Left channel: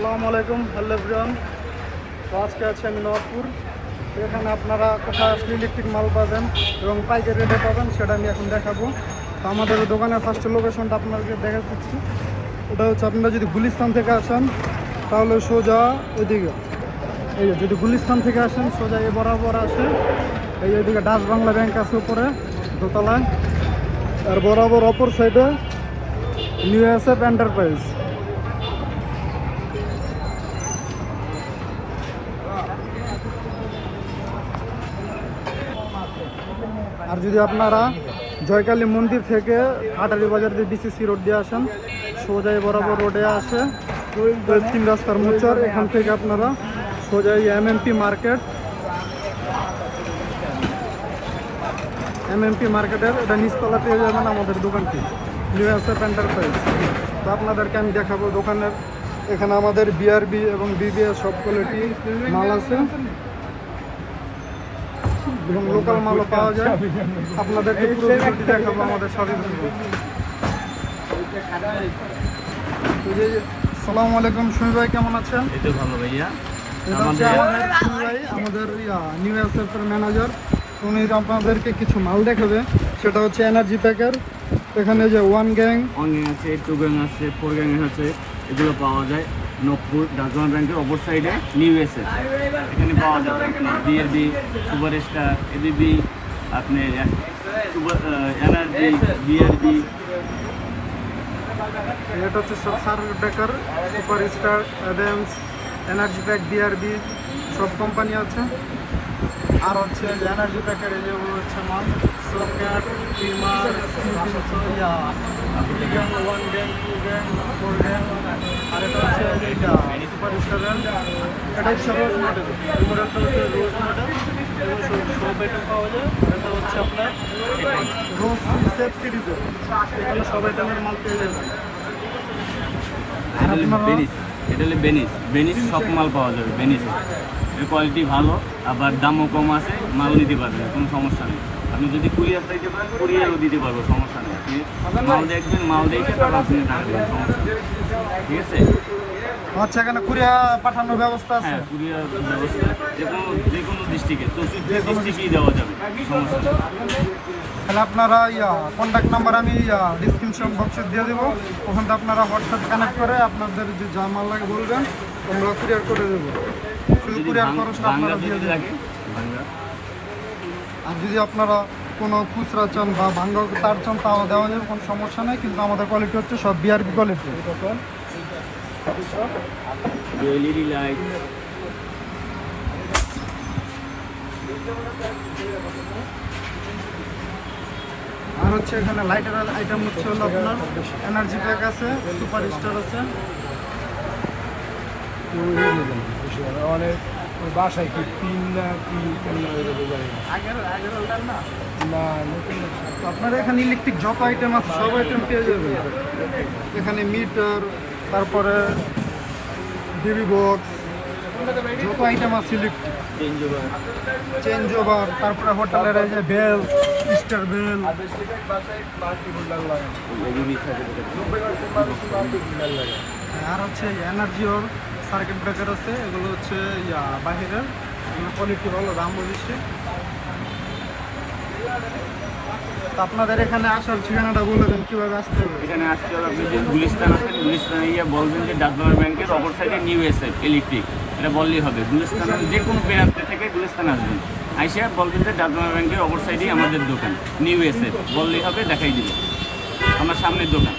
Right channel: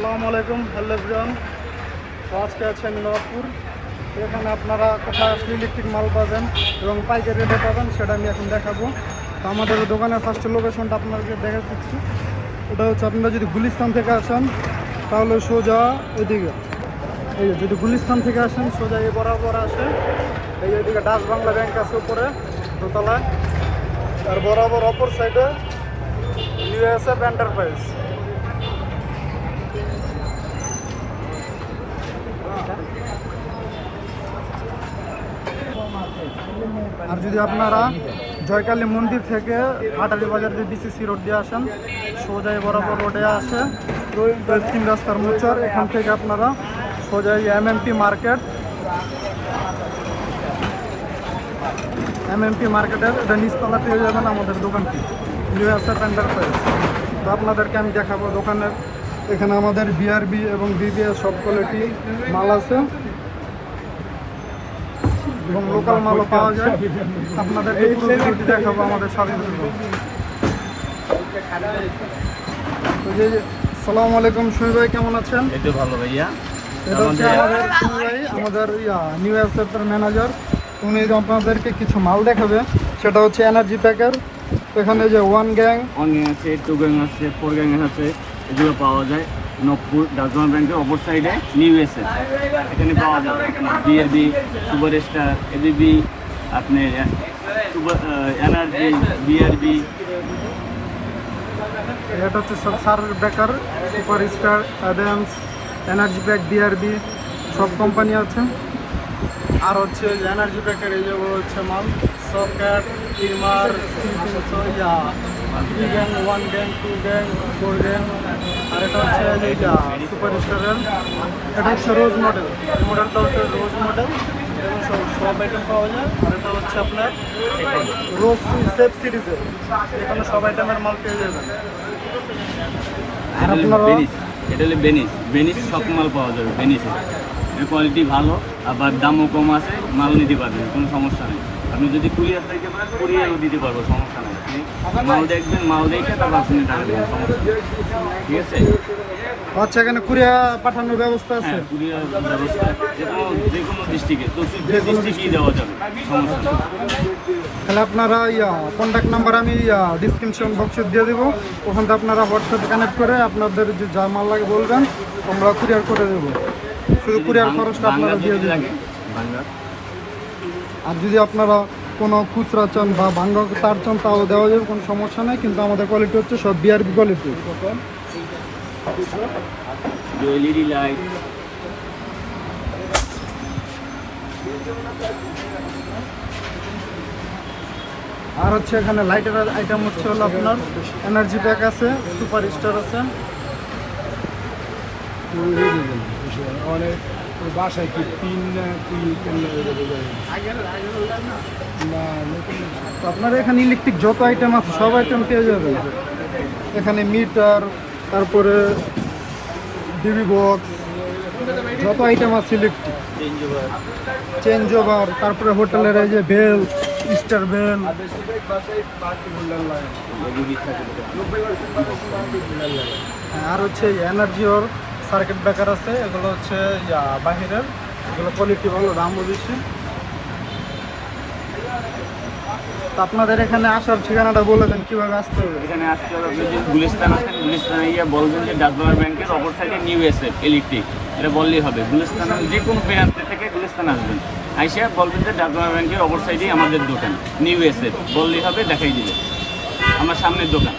আসসালামু আলাইকুম, hello everyone. তো আজকে আছে আমি নবাবপুর। তো এখানে আপনারা কোথায় আসলে ইলেকট্রিক মাল পাবেন এবং পাইকারি রেটে পাবেন সেটা আমি এখন দেখাবো। তো আমাদের দোকানের ফার্স্ট লোকেশনটা আপনাদেরকে দেখাচ্ছি। ওটা হচ্ছে আপনারা যদি গুলিস্তান থেকে আসেন তাহলে সোজা এদিকে, এই যদি গুলিস্তান থেকে আসেন সোজা এই বরাবর আসে, এই ওইদিকে ডাচ বাংলা ব্যাংক আছে উপরে দোতলায়, আর বরাবর অপর সাইডে নিউ এসএফ এন্টারপ্রাইজ। আর যদি আপনারা জয়কালী মন্দির থেকে হাটারি বাজার দিয়ে বিসিসি রোড দিয়ে আসেন, সোজাই বরাবর রোডে আসে 3 রাস্তার মোচর, এখান থেকে আপনারা সোজাই এমএমপি মার্কেটের এটা নিচতলা পেয়ে যাবেন আমাদের দোকানটি, নিউ এসএফ এন্টারপ্রাইজ। তো আপনাদেরকে আমি দেখাবো দোকানের, এখানে আমাদের বিআরবি এবং বিবিএস সব কোয়ালিটি মাল আছে এবং লোকাল মালও পাওয়া যায়। আপনাদেরকে দেখাবো আমাদের সাথে। আসসালামু আলাইকুম, সুমি ভাই কেমন আছেন? এই তো ভালো ভাইয়া। আমাদের সুমি ভাই আমাদের নিউ এসএফ এর ম্যানেজার, উনি আপনাদেরকে কিছু মাল দেখাবে, সেটা হচ্ছে এনার্জি প্যাকের। এখানে যে 1 গ্যাং আছে, 2 গ্যাং আছে, 4 গ্যাং আছে, এগুলো পাওয়া যায় নবপুর ডাচবাংলা ব্যাংকের অপর সাইডে নিউ এসএফ। এখানে পাওয়া যাবে আপনার বিআরবি, সুপার স্টার, এবিবি, আপনার এনার্জি, বিআরবি। এটা হচ্ছে সব সার বেকার, super star, Adams, energy pack, BRB সব কোম্পানি আছে। আর হচ্ছে এনার্জি প্যাকের এই যেগুলো হচ্ছে মাল socket, টিমার, 3 gang, 1 gang, 2 gang, 4 gang. আর এটা হচ্ছে সুপার স্টারের, এটা হচ্ছে রোজ মডেল, এই মডেলটা হচ্ছে রোজ মডেল, সব আইটেম পাওয়া যায়। আর এটা হচ্ছে আপনার রোজ সেফ সিরিজের, এখানে সব আইটেমের মাল পেয়ে যাবেন। এটা হলো বেনিস সব মাল পাওয়া যাবে বেনিসে। এর কোয়ালিটি ভালো, আবার দামও কম আছে, মাল নিতে পারবেন, কোনো সমস্যা নেই। আপনি যদি কুরিয়ার চাইতে পারেন কুরিয়ারও দিতে পারবো, সমস্যা নেই। আপনি মাল দেখবেন, মাল দেখে তারপর আপনি টাকা দেবেন, সমস্যা নেই। ঠিক আছে? আচ্ছা, এখানে কুরিয়ার পাঠানোর ব্যবস্থা আছে? হ্যাঁ, কুরিয়ার ব্যবস্থা যে কোনো ডিস্ট্রিক্টে, 64 ডিস্ট্রিক্টেই দেওয়া যাবে, সমস্যা নেই। তাহলে আপনারা কন্ট্যাক্ট নাম্বার আমি ডিসক্রিপশন বক্সে দিয়ে দেবো, ওখান থেকে আপনারা হোয়াটসঅ্যাপে কানেক্ট করে আপনাদের যে যা মাল লাগে বলবেন, আমরা কুরিয়ার করে দেবো। শুধু কুরিয়ার খরচটা আপনারা দিয়ে দেবেন। আর যদি আপনারা কোনো খুচরা চান বা ভাঙ্গা তার চান তাও দেওয়া যাবে, কোনো সমস্যা নেই। কিন্তু আমাদের কোয়ালিটি হচ্ছে সব বিআরবি কোয়ালিটি। এলইডি লাইট, আর হচ্ছে এখানে লাইটের আইটেম হচ্ছে হলো আপনার এনার্জি প্যাক আছে, সুপার স্টার আছে। তো আপনার এখানে ইলেকট্রিক যত আইটেম আছে সব আইটেম পেয়ে যাবেন। এখানে মিটার, তারপরে ডিবি বক্স, যত আইটেম আছে ইলেকট্রিক, চেঞ্জ ওভার, তারপরে হোটেলের এই যে বেল, স্টার বেল। আর হচ্ছে এনার্জি ওর সার্কিট ব্রেকার আছে, এগুলো হচ্ছে বাহিরের, এগুলো কোয়ালিটি ভালো, দামও বেশি। আপনাদের এখানে আসার ঠিকানাটা বলে দেন, কীভাবে আসতে হবে? এখানে আসতে হবে, আপনি যদি গুলিস্তান আছেন, গুলিস্তানে গিয়ে বলবেন যে ডাচবাংলা ব্যাংকের অপর সাইডে নিউ এসএফ ইলেকট্রিক, এটা বললেই হবে। গুলিস্তানের যে কোনো প্রান্তে থেকে গুলিস্তানে আসবেন, আইসা বলবেন যে ডাচবাংলা ব্যাংকের অপর সাইডেই আমাদের দোকান নিউ এসএফ, বললেই হবে, দেখাই দিবে আমার সামনের দোকান।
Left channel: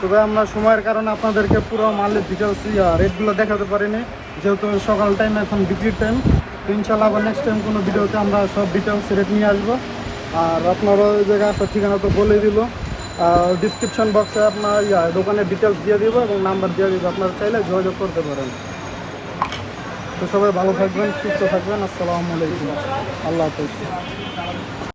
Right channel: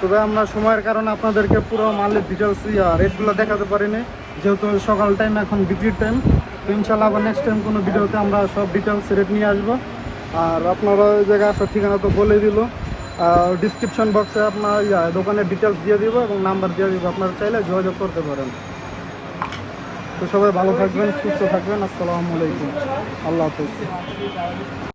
তবে আমরা সময়ের কারণে আপনাদেরকে পুরো মালের ডিটেলস রেটগুলো দেখাতে পারিনি, যেহেতু সকাল টাইম, এখন বিক্রির টাইম। তো ইনশাল্লাহ আবার নেক্সট টাইম কোনো ভিডিওতে আমরা সব ডিটেলস রেট নিয়ে আসবো। আর আপনারা ওই জায়গায় আসার ঠিকানা তো বলে দিল, ডিসক্রিপশন বক্সে আপনার দোকানের ডিটেলস দিয়ে দিব এবং নাম্বার দিয়ে দিব, আপনারা চাইলে যোগাযোগ করতে পারেন। তো সবাই ভালো থাকবেন, সুস্থ থাকবেন। আসসালামু আলাইকুম, আল্লাহ হাফেজ।